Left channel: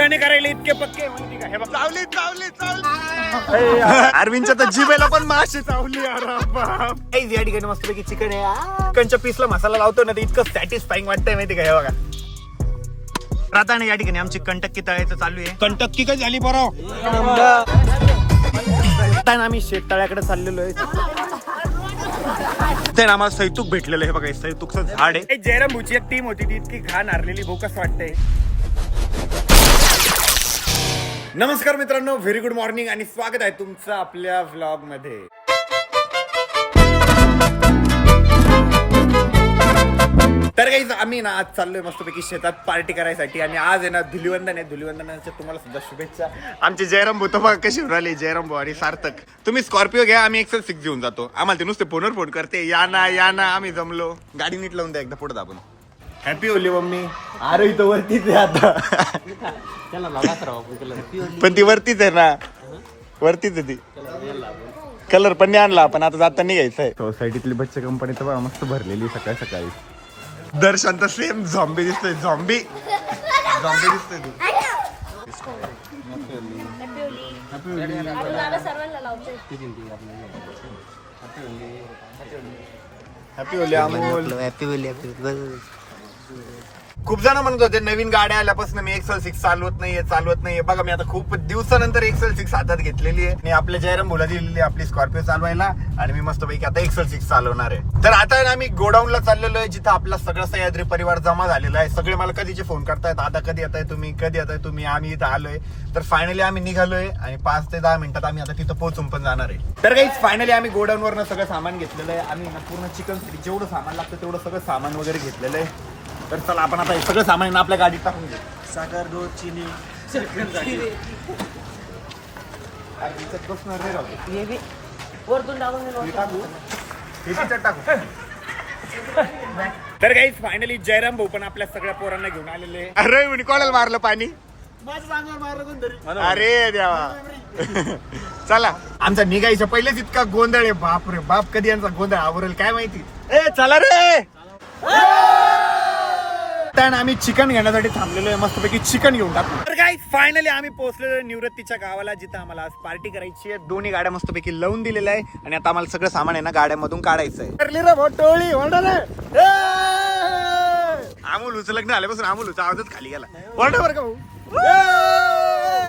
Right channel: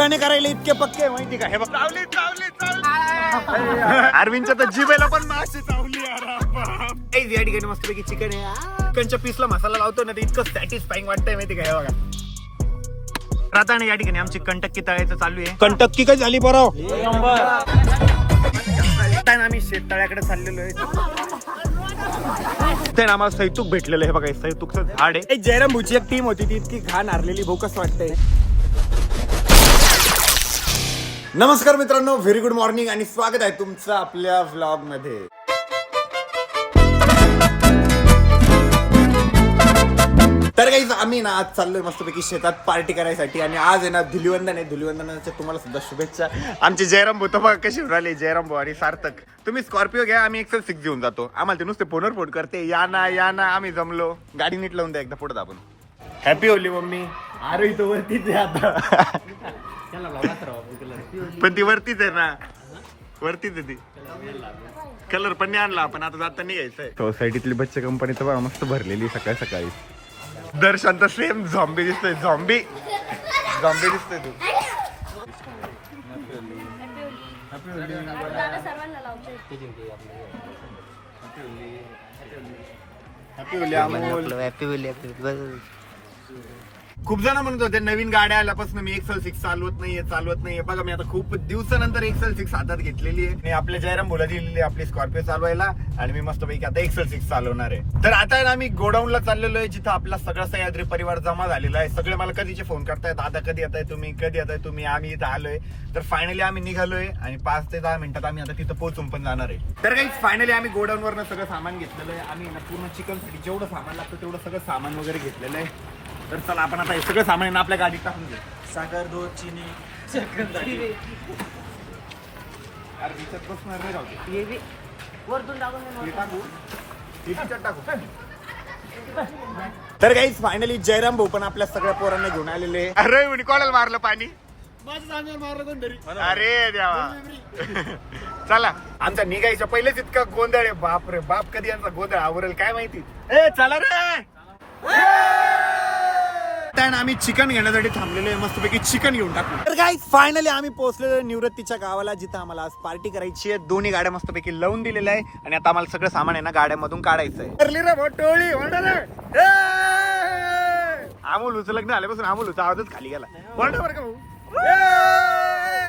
कुटाने करायला इतके पक्के माहिती का? हे बघ चावली चावली चावली. अरविंदच्या तर जिभेला पण माशी चावली. या ठिकाणी मस्त पैकी चिकन आहे. चिकनच्या पीसला मसाला लावतो ना, ते इतकं सॅटिस्फाईंग वाटतंय माहिती का? हे बघा राहता या ठिकाणी आमची कंटक्की तळायचं चालू आहे. कंटक्की काय झाली बरं. आम्ही शेततळ्याकडे चाललेलो आहे. ते आम्हाला सैतूक भेटलेलं आहे. बघा सैतूकचं झाड आहे. जयराम भूची एक टीम होती ती इतकी घाण हारलेली. भाऊ कसं वाटतंय? नमस्कार मित्रांनो, व्हेरी गुड मॉर्निंग आणि स्वागत आहे तुमचं आपल्या व्लॉग मध्ये. तर काही आम्ही ना आज चाललोय मस्तपैकी शेतात पार्टी करायसाठी. आणि आज आहे ना धुलिवंदन आहे. धुलिवंदनाच्या तुम्हाला सुद्धा शुभेच्छा. आमचे जयराम भाऊ तर बघा कशी उराले. जयराम भाऊ आणि सार्थक, तुम्ही स्कॉर्पिओ घ्या, आम्ही XL6 घेऊन जातो. आम्हाला ते नुसते फोनवर फोन करते, या ना या ना. आम्ही जमलो. गाडी नीट लावून द्या एकदा पुढे दाबून. Happy Holy mummy. अरे इथं वरतीच आहे आता. पण ती वरतीच आहे ना, वरतीच आहे ती. कलर पण नाही आणला आपण, आता जाता नाही घ्यायचंय. सोसायटीतली बच्चे कंपनी तर मस्त भरलेली सकाळी सकाळी. दर्शन तर सेम झॉम्बी दिसतोय. झॉम्बी दिसतोय तू. खूप जण म्हणत होते नवीन गाड्या आल्यापासून मी XL6 चालवत नाहीये. बघा मी आता खूप दिवसानंतर XL6 हातात घेतलेली आहे. आणि आपल्या जयराम बोला दिलेली आपली स्कॉर्पिओ चालवायला. आणि मी मस्तपैकी आता XL6 चालवणार आहे. तर आता आम्ही गोडाऊनला चाललेलो आहे, जिथं आपला सगळा सह्याद्री परिवार जमा झालेला आहे. सगळे मला कधीचे फोन करतायत, आता कधी येताय तुम्ही. आम्ही इथं आलोय. तर फायनली आम्ही निघालोय आणि 5 ते 10 मिनिटात आम्ही आता तिथं पोहोचून पण जाणार आहे. तर काही फायनली आम्ही गोडाऊन वरनं सगळं सामान घेतलेलं आहे. आम्ही पूर्ण चिकनसाठी जेवढं सामान लागतं तेवढं सगळं सामान वगैरे घेतलेलं आहे. तर चला आपण आता हे सगळं सामान आपल्या गाडीत टाकून घेऊ. साखर, दूध, चिनी, बसणार नाही टाकू. तर काही फायनली जयराम भाऊ पण आपल्या सगळ्या पोरांना घेऊन आलेले. अरे कोणाला मारलं पाणी? अरे देवा. चला आमचा निघायच्या पहिलेच इतका गोंधळ आहे. बाप रे बाप, कधी यांचा गोंधळ आवरेल काय माहिती. चला रे. आम्ही चिकन घेण्यासाठी थांबलेलो आहे. मस्तपैकी चिकन घेऊन टाकू. तर काय फायनली आम्ही पोहोचलेलो निवृत्तीच्या गावाला, जिथं आम्हाला आज पार्टी करायची आहे. दोन्ही गाड्या मस्तपैकी लावून दिलेल्या आहे. आणि आता आम्हाला सगळं सामान आहे ना गाड्यामधून काढायचं आहे. अमोल उच लग्न आल्यापासून अमोलचा आवाजच खाली गेला. बरं का भाऊ.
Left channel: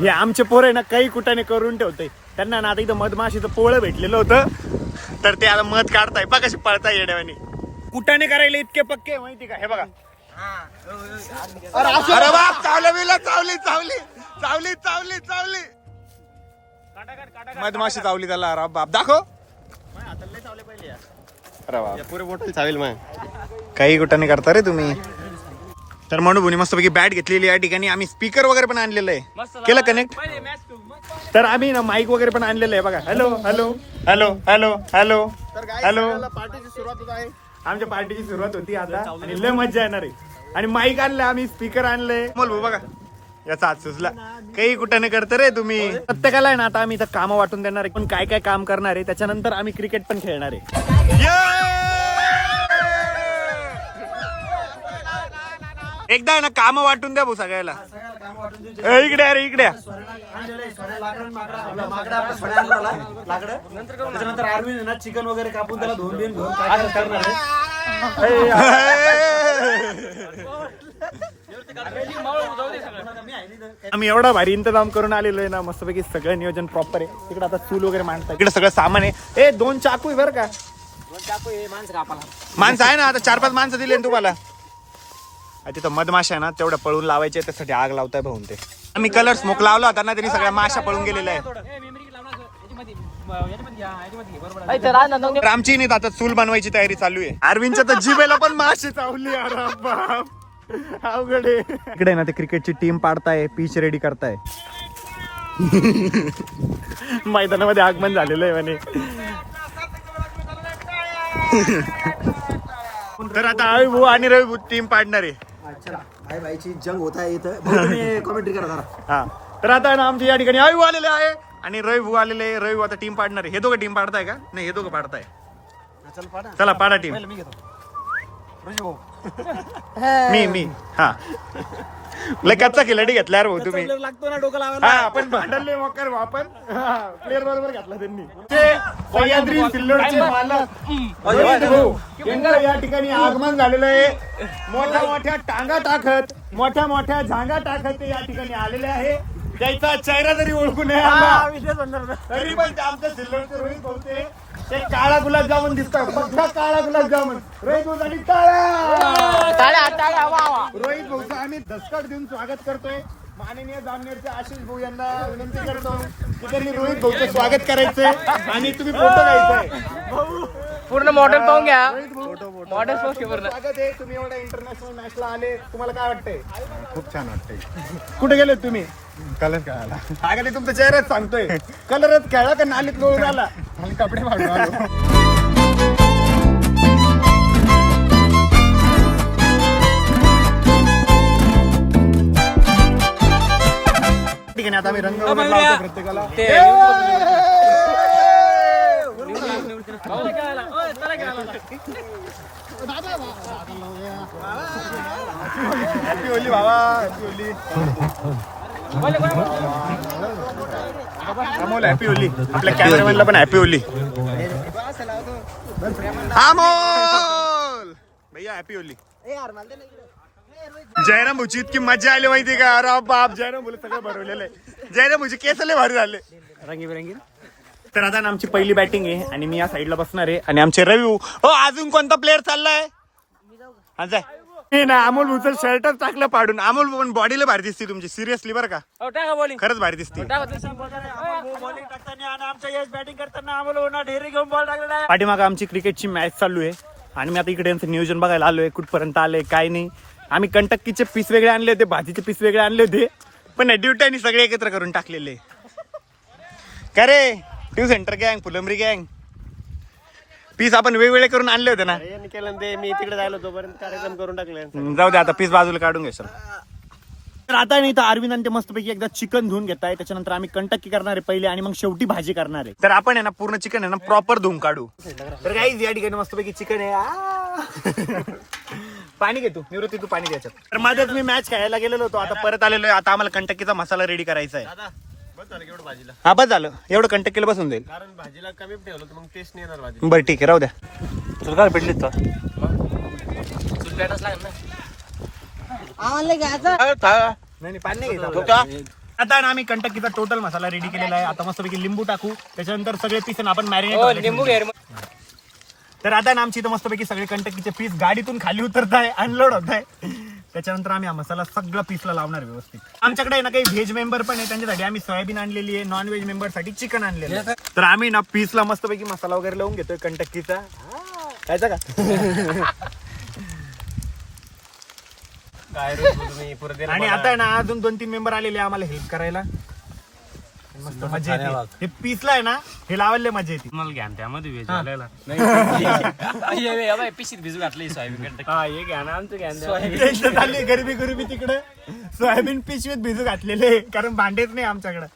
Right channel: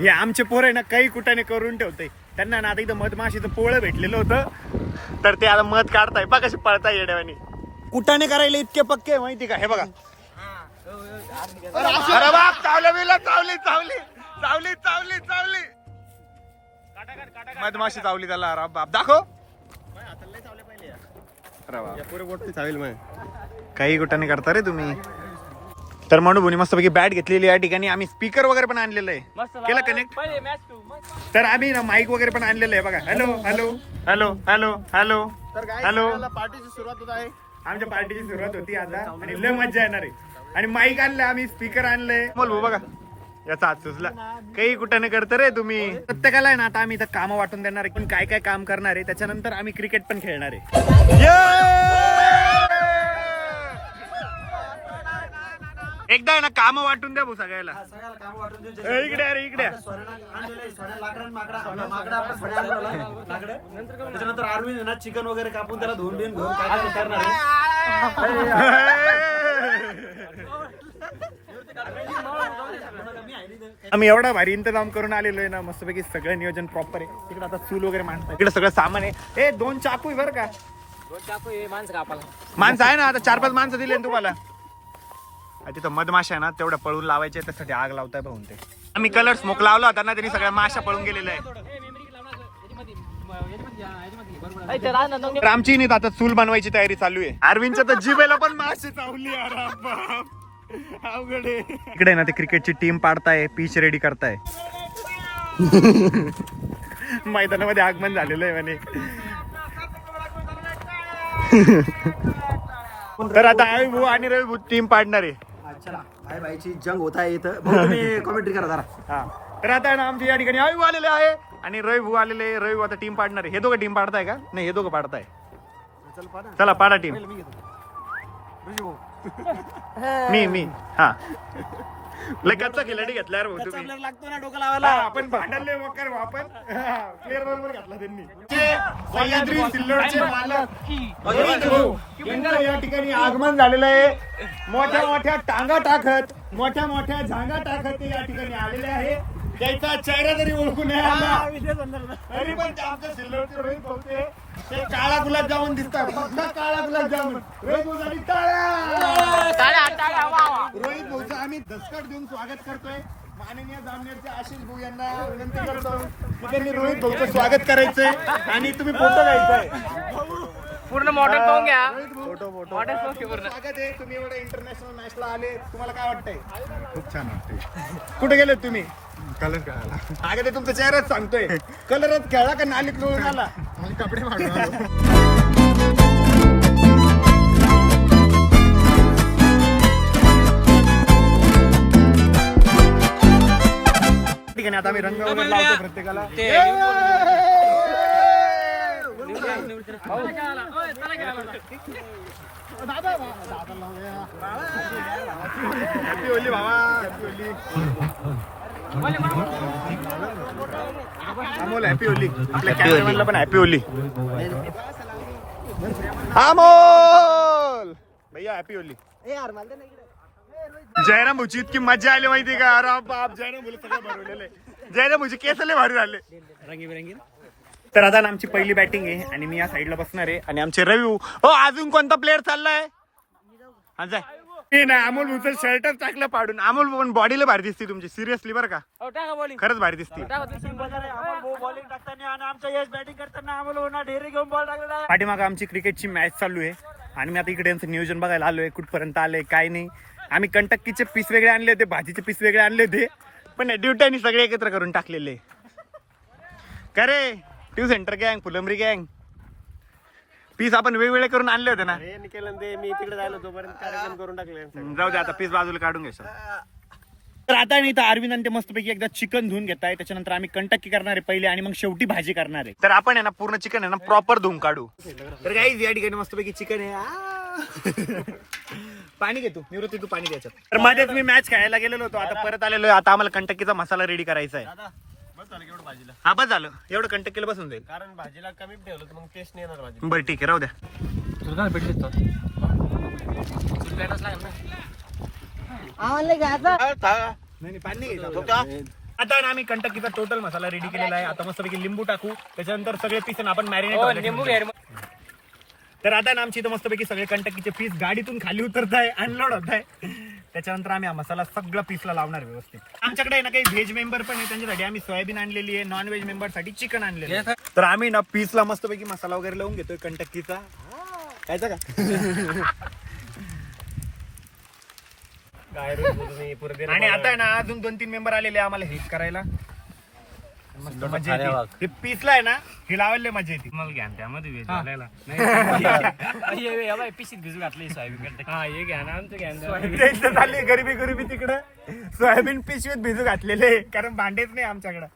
हे आमचे पोर आहे ना काही कुटाने करून ठेवते. त्यांना ना आता इथं मधमाशीचं पोळं भेटलेलं होतं, तर ते आता मध काढताय. बघ कशी पळताय येड्यावानी. कुटाने करायला इतके पक्के माहिती का? हे बघा. अरे बाप, चावली मधमाशी चावली त्याला. अरे बाप दाखव. अरे बाप, पुरे बोट चावेल मग. काही कुटाने करता रे तुम्ही. तर म्हणून भुनी मस्तपैकी बॅट घेतलेली या ठिकाणी. आम्ही स्पीकर वगैरे पण आणलेलं आहे. केलं कनेक्ट. तर आम्ही ना माईक वगैरे पण आणलेलं आहे. बघा. Hello hello hello hello hello hello. पार्टीची सुरुवात होत आहे. आमच्या पार्टीची सुरुवात होती आता आणि लय मजा येणार आहे. आणि माईक आणलं, आम्ही स्पीकर आणले. बोल भाऊ बघा याचा हात सुचला. काही कुठं करता रे तुम्ही. प्रत्येकाला आहे ना आता आम्ही इथं काम वाटून देणार आहे. पण काय काय काम करणार आहे त्याच्यानंतर आम्ही क्रिकेट पण खेळणार आहे. एकदा आहे ना काम वाटून द्या भाऊ सगळ्याला. इकडे अरे इकडे. त्याच्यानंतर अरविंद ना चिकन वगैरे कापून त्याला धुवून घेऊन काय काय करणार आहे. आम्ही एवढा भारी इंतजाम करून आलेलो आहे ना, मस्तपैकी सगळं नियोजन प्रॉपर आहे. तिकडे आता चूल वगैरे मांडतात. इकडे सगळं सामान आहे. 2 चाकू आहे बरं का. 2 चाकू आहे. माणसं कापाला माणसं आहे ना, आता 4-5 माणसं दिले तुम्हाला. तिथं मधमाशा आहे ना तेवढ्या पळून लावायचे, त्यासाठी आग लावताय भाऊन. ते आम्ही कलर स्मोक लावला होता ना, त्यांनी सगळ्या माशा पळून गेलेल्या आहे. आमची नाही आता चूल बनवायची तयारी चालू आहे. अरविंदच्या तर जिभेला पण माशी चावली. अरे बाप, अवघड आहे. इकडे ना ते क्रिकेटची टीम पाडताय, पिच रेडी करताय. मैदानामध्ये आगमन झालेलं आहे म्हणे. तर आता आवी भाऊ आणि रवी भाऊ टीम पाडणार आहे. चला भाई भाईची जंग होत आहे इथं. तुम्ही कॉमेंट्री करा जरा. हा तर आता ना आमच्या या ठिकाणी आवी आलेले आहे आणि रवी भाऊ आलेले. रवी भाऊ आता टीम पाडणार आहे. हे दोघं टीम पाडताय का? नाही, हे दोघं पाडताय. चला पाडा टीम. मी हा लय कच्चा खिलाडी घेतला यार भाऊ तुम्ही. player लागतो ना डोकं लावायला. आपण भांडले वकर आपण प्लेअर बरोबर घातला त्यांनी. सह्याद्री सिल्लोडचे मालक रोहित भाऊ यांचं या ठिकाणी आगमन झालेलं आहे. मोठ्या मोठ्या टांगा टाकत मोठ्या मोठ्या झांगा टाकत ते या ठिकाणी आलेले आहे. त्याचा चेहरा जरी ओळखू नये हा, विषय संदर्भ. तरी पण ते आमचं सिल्लोडचे रोहित भाऊ ते काळा गुलाबजामुन दिसतात. बघा काळा गुलाबजामुन रोहित भाऊ साठी रोहित भाऊचं आम्ही दसकट देऊन स्वागत करतोय. माननीय जामनेरचे आशिष भाऊ यांना विनंती करतो की त्यांनी रोहित भाऊचं स्वागत करायचंय आणि तुम्ही फोटो घ्यायचंय. पूर्ण मॉडेल पाहून घ्या. रोहित भाऊ मॉडेल पूर्ण स्वागत आहे. तुम्ही एवढ्या इंटरनॅशनल मॅचला आले, तुम्हाला काय वाटतंय? खूप छान वाटतंय. कुठे गेले तुम्ही? कलर खेळायला अगं ते तुमचा चेहराच सांगतोय. कलरच खेळला का नालीत लोळून आला? आणि कपडे मागून आलो. ठीक आहे ना, आता आम्ही रंग वगैरे लावतो प्रत्येकाला. हॅपी होली भावा, happy Holy. Amol happy Holy. आपल्या कॅमेरामॅनला पण हॅपी होली. अमोल भैया हॅपी होली. जयराम भाऊची इतकी मजा आली माहिती का? अरे बाप, जयराम भाऊ सगळं भरवलेलं आहे. जयराम भाऊचे केस लय भारी झाले. रंगीबेरंगी. तर आता ना आमची पहिली बॅटिंग आहे आणि मी या साईडला बसणार आहे आणि आमचे रवी भाऊ. हो, अजून कोणता प्लेअर चाललाय? हा जाय. हे ना अमोल भाऊचं शर्टच टाकलं पाडून. अमोल भाऊ पण बॉडीला भारी दिसते तुमची, सिरियसली बरं का? खरंच भारी दिसते. बॉलिंग टाकताना आणि आमच्या यश बॅटिंग करताना आम्हाला होणार ढेरी घेऊन बॉल टाकलेला आहे. पाठीमागं आमची क्रिकेटची मॅच चालू आहे आणि मी आता इकडे यांचं नियोजन बघायला आलोय. कुठपर्यंत आलंय काय नाही. आम्ही कंटक्कीचे पीस वेगळे आणले होते, भाजीचे पीस वेगळे आणले होते, पण ड्युट्यानी सगळे एकत्र करून टाकलेले. का रे ट्यू सेंटर गँग, फुलंबरी गँग पीस आपण वेगवेगळे करून आणले होते ना. मी तिकडे जायला तोपर्यंत कार्यक्रम करून टाकले. जाऊ दे, आता पीस बाजूला काढून घे सर. तर आता नाही तर अरविंद आणि ते मस्तपैकी एकदा चिकन धुवून घेताय. त्याच्यानंतर आम्ही कंटक्की करणार आहे पहिले आणि मग शेवटी भाजी करणार आहे. तर आपण आहे ना पूर्ण चिकन आहे ना प्रॉपर धुवून काढू. तर काही या ठिकाणी मस्तपैकी चिकन आहे. पाणी घेतो निवृत्ती, तू पाणी द्यायचं. तर मध्येच मी मॅच खेळायला गेलेलो होतो, आता परत आलेलो आहे. आता आम्हाला कंटक्कीचा मसाला रेडी करायचा आहे. हा बस झालं, एवढं कंटक्कीला बसून जाईल. कारण भाजीला कमी ठेवलं तर मग टेस्ट नाही येणार भाजी. बरं ठीक आहे, राहू द्या. तुला भेटली तर नाही पाणी नाही घ्यायचं. आता ना आम्ही कंटक्कीचा टोटल मसाला रेडी केलेला आहे. आता मस्तपैकी लिंबू टाकू, त्याच्यानंतर सगळे पीस आपण मॅरिनेट. तर आता ना आमची इथं मस्तपैकी सगळे कंटक्कीचे पीस गाडीतून खाली उतरत आहे, अनलोड होत आहे. त्याच्यानंतर आम्ही हा मसाला सगळं पीसला लावणार व्यवस्थित. आमच्याकडे आहे ना काही व्हेज मेंबर पण आहे, त्यांच्यासाठी आम्ही सोयाबीन आणलेली आहे. नॉन व्हेज मेंबर साठी चिकन आणलेलं आहे. तर आम्ही ना पीसला मस्तपैकी मसाला वगैरे लावून घेतोय कंटक्कीचा. खायचा का? आणि आता ना अजून 2-3 मेंबर आलेले आम्हाला हेल्प करायला. मस्त मजा येते. ते पीसला आहे ना हे लावायला मजा येते. मला घ्या त्यामध्ये वेज पिशीत भिजू घातली सोयाबीन. हा हे घ्या ना आमचं घ्या. टेन्शन झाली गरीबी तिकडं. सोयाबीन पिशवीत भिजू घातलेले, कारण भांडेच नाही आमच्याकडं.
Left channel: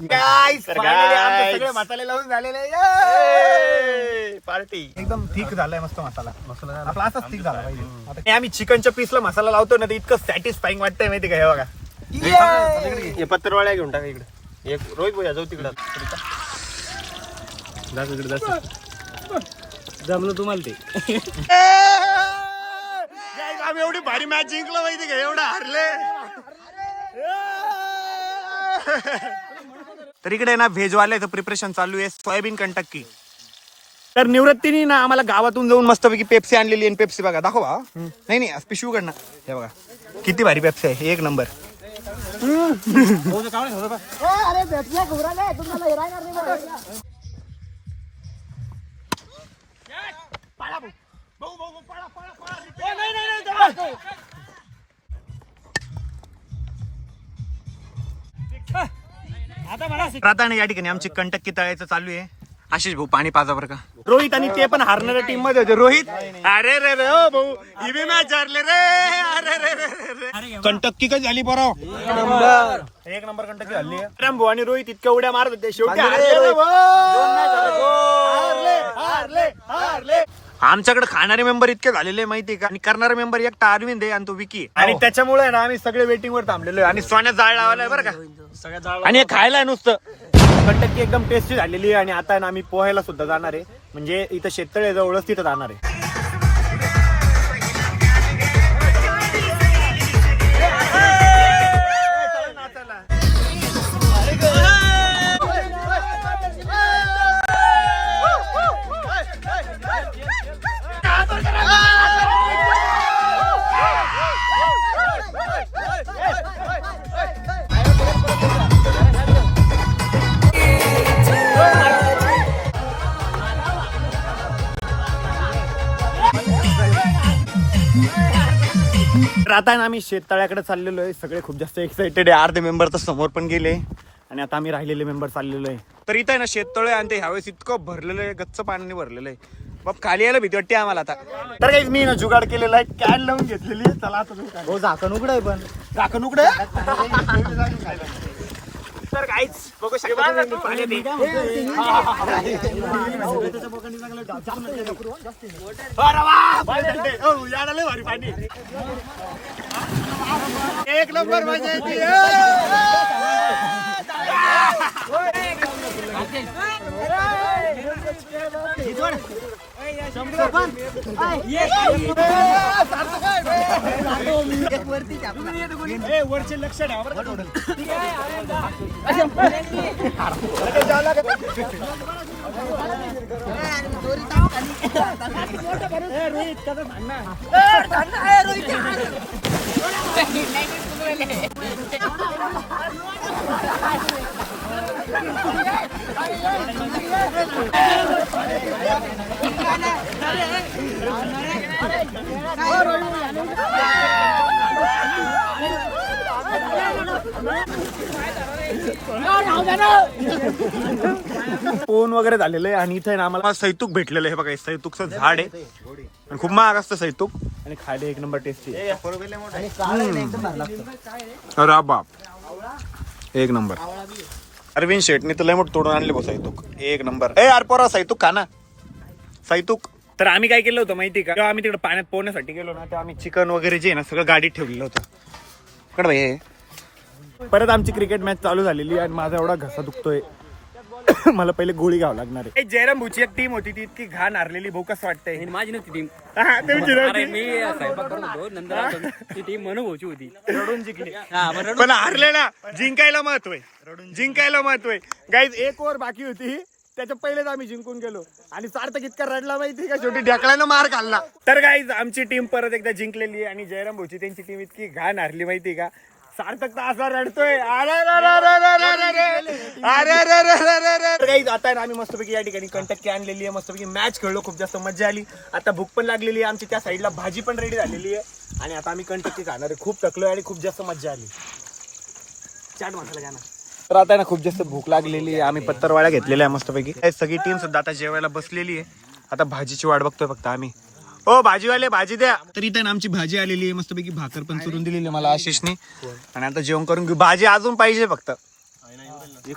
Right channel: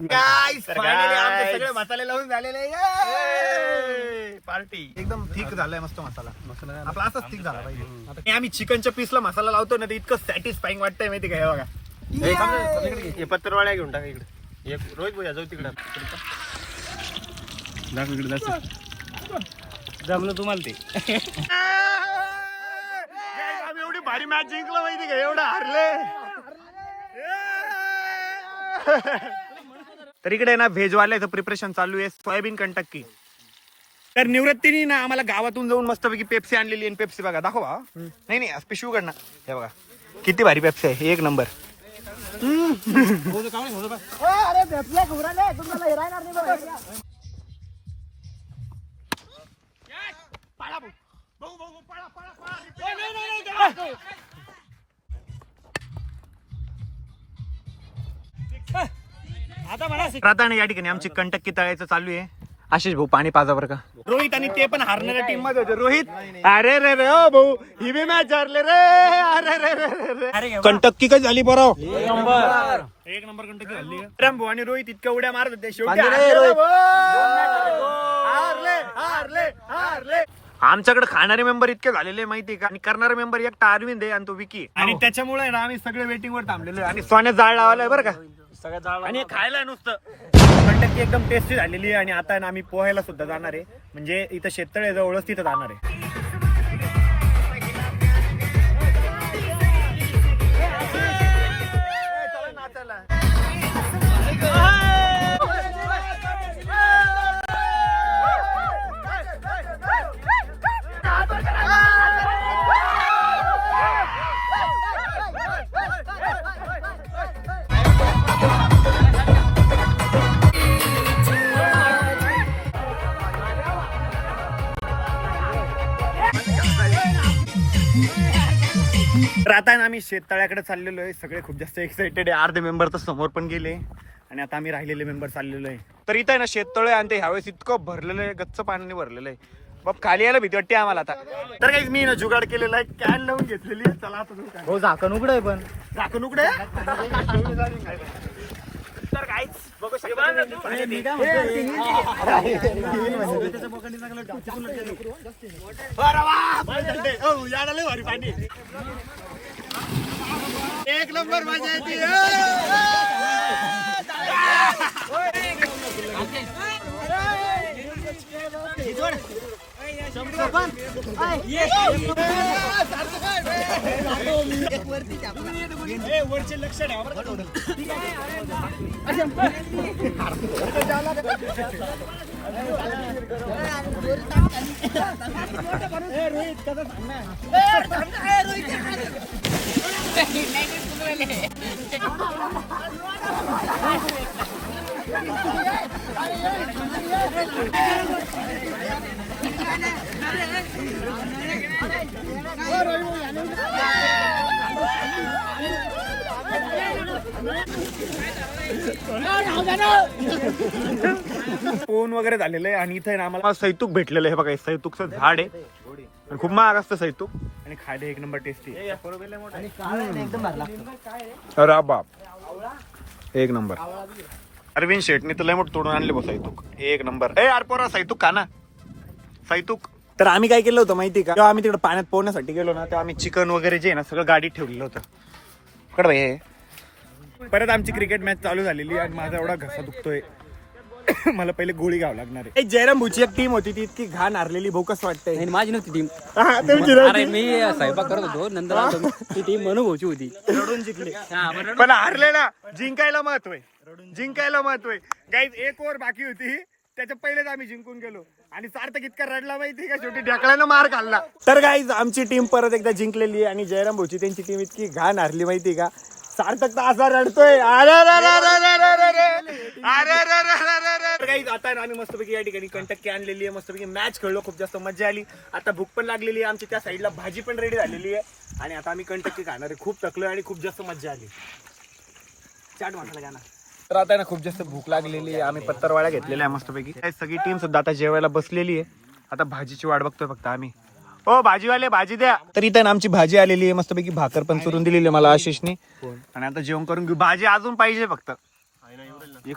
फायनली आमचे सगळे मसाले लावून झालेले. पार्टी एकदम थिक झालाय, मस्त मसाला. आपला असाच थिक झाला पाहिजे. आता आम्ही चिकनच्या पीसला मसाला लावतो ना, ते इतकं सॅटिस्फाईंग वाटतंय माहिती का? हे बघा, पत्तरवाळ्या घेऊन टाका इकडे. एक रोहित भैया जाऊ तिकडं दाखव इकडे जास्त जमलं तुम्हाला ते. आम्ही एवढी भारी मॅच जिंकलो माहिती का? एवढं हारले. तर इकडे ना व्हेजवाल्याचं प्रिपरेशन चालू आहे, सोयाबीन कंटक्की. तर निवृत्तीने ना आम्हाला गावातून जाऊन मस्तपैकी पेप्सी आणलेली आहे. पेप्सी बघा, दाखवा. नाही पिशवी उघड ना. हे बघा किती भारी पेप्सी आहे, एक नंबर. आता या ठिकाणी आमची कंटक्की तळायचं चालू आहे. आशिष भाऊ पाणी पाजा बरं का. रोहित आणि ते पण हारणाऱ्या टीम मध्ये होते. रोहित अरे रे रे ओ भाऊ, ही बी मॅच हारले रे. अरे कंटक्की काय झाली बरं? एक नंबर कंटक्की झाली. राम भाऊ आणि रोहित इतक्या उड्या मारत होते, शेवटी हारले रे भाऊ. हारले. आमच्याकडे खाणारे मेंबर इतके झालेले माहिती का, आणि करणारे मेंबर एकटा अरविंद आहे आणि तो विकी, आणि त्याच्यामुळे आहे ना आम्ही सगळे वेटिंग वर थांबलेलो आहे. आणि सोन्यात जाळ लावलाय बरं का सगळ्या जाळ आणि हे खायला आहे नुसतं. कंटकी एकदम टेस्टी झालेली आहे. आणि आता आहे ना आम्ही पोहायला सुद्धा जाणार आहे, म्हणजे इथं शेततळे जवळच तिथं जाणार आहे. तर आता ना आम्ही शेततळ्याकडे चाललेलो आहे. सगळे खूप जास्त एक्साइटेड आहे. अर्धे मेंबर तर समोर पण गेले आणि आता आम्ही राहिलेले मेंबर चाललेलो आहे. तर इथं आहे ना शेततळे आणि ते ह्यावेळेस इतकं भरलेलं आहे, गच्च पाण्याने भरलेलं आहे. बाप खाली यायला भीती वाटते आम्हाला आता. तर काही मी ना जुगाड केलेला आहे, कॅन लावून घेतलेली. चला आता हो झाकण उघड आहे, पण झाकण उघड आहे. तर काहीच बघू शकता भारी पाणी. एक नंबर मजा येते. वरचे लक्ष ठेवा बरं का थोडं. फोन वगैरे झालेलं आहे. आणि इथे ना आम्हाला सैतूक भेटलेलं आहे. बघा सैतूकचं झाड आहे आणि खूप महाग असतं सैतूक, आणि खायला एक नंबर टेस्टी आहे. अरे बाप एक नंबर. अरविंद शेटने तर लय मोठं तोडून आणले बघ सैतूक, एक नंबर. ए यार पोरा सैतूक खा ना, सैतूक. तर आम्ही काय केलं होतं माहिती का, जेव्हा आम्ही तिकडे पाण्यात पोहण्यासाठी गेलो ना, तेव्हा आम्ही चिकन वगैरे जे ना सगळं गाडीत ठेवलेलं होतं. कड भाई परत आमची क्रिकेट मॅच चालू झालेली आणि माझा एवढा घसा दुखतोय. मला पहिले गोळी घ्यावं लागणार आहे. जयराम भूची एक टीम होती ती इतकी घाण हारलेली. भाऊ कसं वाटतंय? माझी नव्हती टीम. मी स्वयंपाक करत होतो, नंतर ती टीम मनोभाऊची होती. रडून जिंकले पण हारले ना. जिंकायला महत्व आहे, जिंकायला महत्व आहे. गाईज एक ओव्हर बाकी होती, त्याच्या पहिलेच आम्ही जिंकून गेलो. आणि सार्थक इतका रडला माहिती का, शेवटी ढकलानं मार खाल्ला. तर गाईज आमची टीम परत एकदा जिंकलेली आहे आणि जयराम भाऊची त्यांची टीम इतकी घाण हारली माहिती का. सार्थक तर असा रडतोय. आता आम्ही मस्तपैकी या ठिकाणी कंटक्की आणलेली आहे. मस्तपैकी मॅच खेळलो, खूप जास्त मजा आली. आता भूक पण लागलेली आहे आमची. त्या साईडला भाजी पण रेडी झालेली आहे आणि आता आम्ही कंटक्की खाणार आहे. खूप थकलोय आणि खूप जास्त मजा आली. चाट मसाला घ्या ना. तर आता ना खूप जास्त भूक लागलेली आहे. आम्ही पत्तरवाळ्या घेतलेल्या आहे मस्तपैकी. सगळी टीम सुद्धा आता जेवायला बसलेली आहे. आता भाजीची वाट बघतोय फक्त आम्ही. ओ भाजीवाले भाजी द्या. तर इथं आमची भाजी आलेली आहे मस्तपैकी. भाकर पण चुरून दिलेली आहे मला आशिषने. आणि आता जेवण करून घेऊ. भाजी अजून पाहिजे फक्त.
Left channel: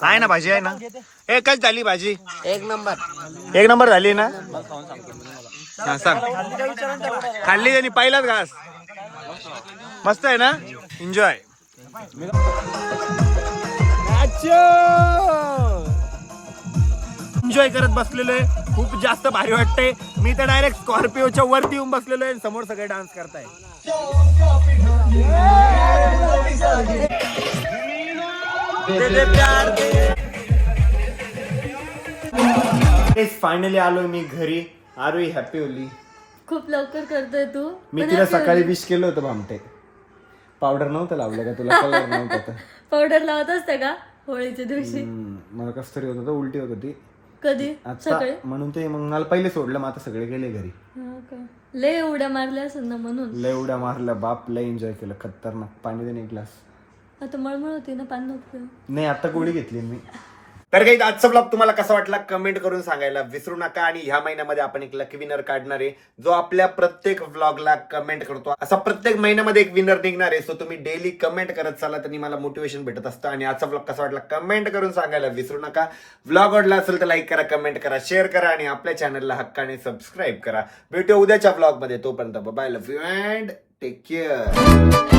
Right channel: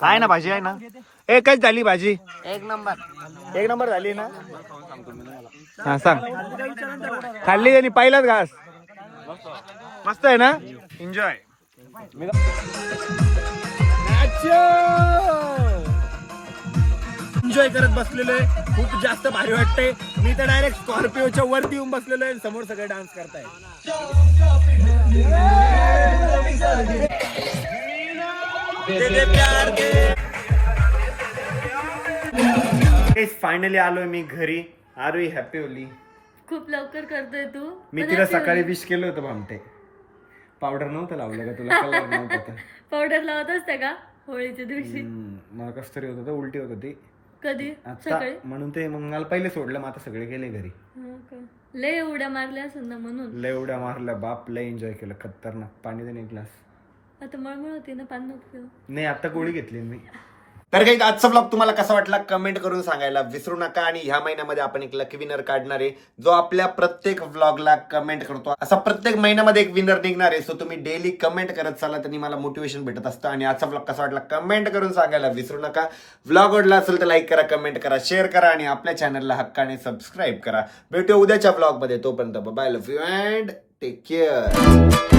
आहे ना भाजी, आहे ना. एकच झाली भाजी. एक नंबर झाली ना. हा सांग. खाल्ली आणि पहिलाच घास. मस्त आहे ना. एन्जॉय. एन्जॉय करत बसलेलो आहे. खूप जास्त भारी वाटतंय. मी तर डायरेक्ट स्कॉर्पिओच्या वरती येऊन बसलेलो आहे. समोर सगळे डान्स करताय. फायनली आलोय मी घरी. Are you happy Holi? खूप लवकर करतोय तू. मी तिला सकाळी विश केलं होतं भामटे. पावडर नव्हतं लावलं का तुला? कलर नव्हता. पावडर लावत असते का होळीच्या दिवशी? मला कस तरी होत होतं, उलटी होत होती. कधी? आता म्हणून ते मग मला पहिले सोडलं. मग आता सगळे गेले घरी. लय उड्या मारल्या असेल ना म्हणून. लय उड्या मारल्या बाप. लय एन्जॉय केलं. खतरनाक. पाणी दे एक ग्लास. आता मळमळ होती ना, पाणी नव्हतं. नाही आता गोळी घेतली मी. तर काही आजचा ब्लॉग तुम्हाला कसा वाटला कमेंट करून सांगायला विसरू नका. आणि ह्या महिन्यामध्ये आपण एक लकी विनर काढणार आहे जो आपल्या प्रत्येक व्लॉगला कमेंट करतो. असा प्रत्येक महिन्यामध्ये एक विनर निघणार आहे. सो तुम्ही डेली कमेंट करत चाला, त्यांनी मला मोटिवेशन भेटत असतं. आणि आजचा ब्लॉग कसा वाटला कमेंट करून सांगायला विसरू नका. व्लॉग आवडला असेल तर लाईक करा, कमेंट करा, शेअर करा आणि आपल्या चॅनलला हक्काने सबस्क्राईब करा. भेटूया उद्याच्या ब्लॉग मध्ये. तोपर्यंत bye, love you and take care.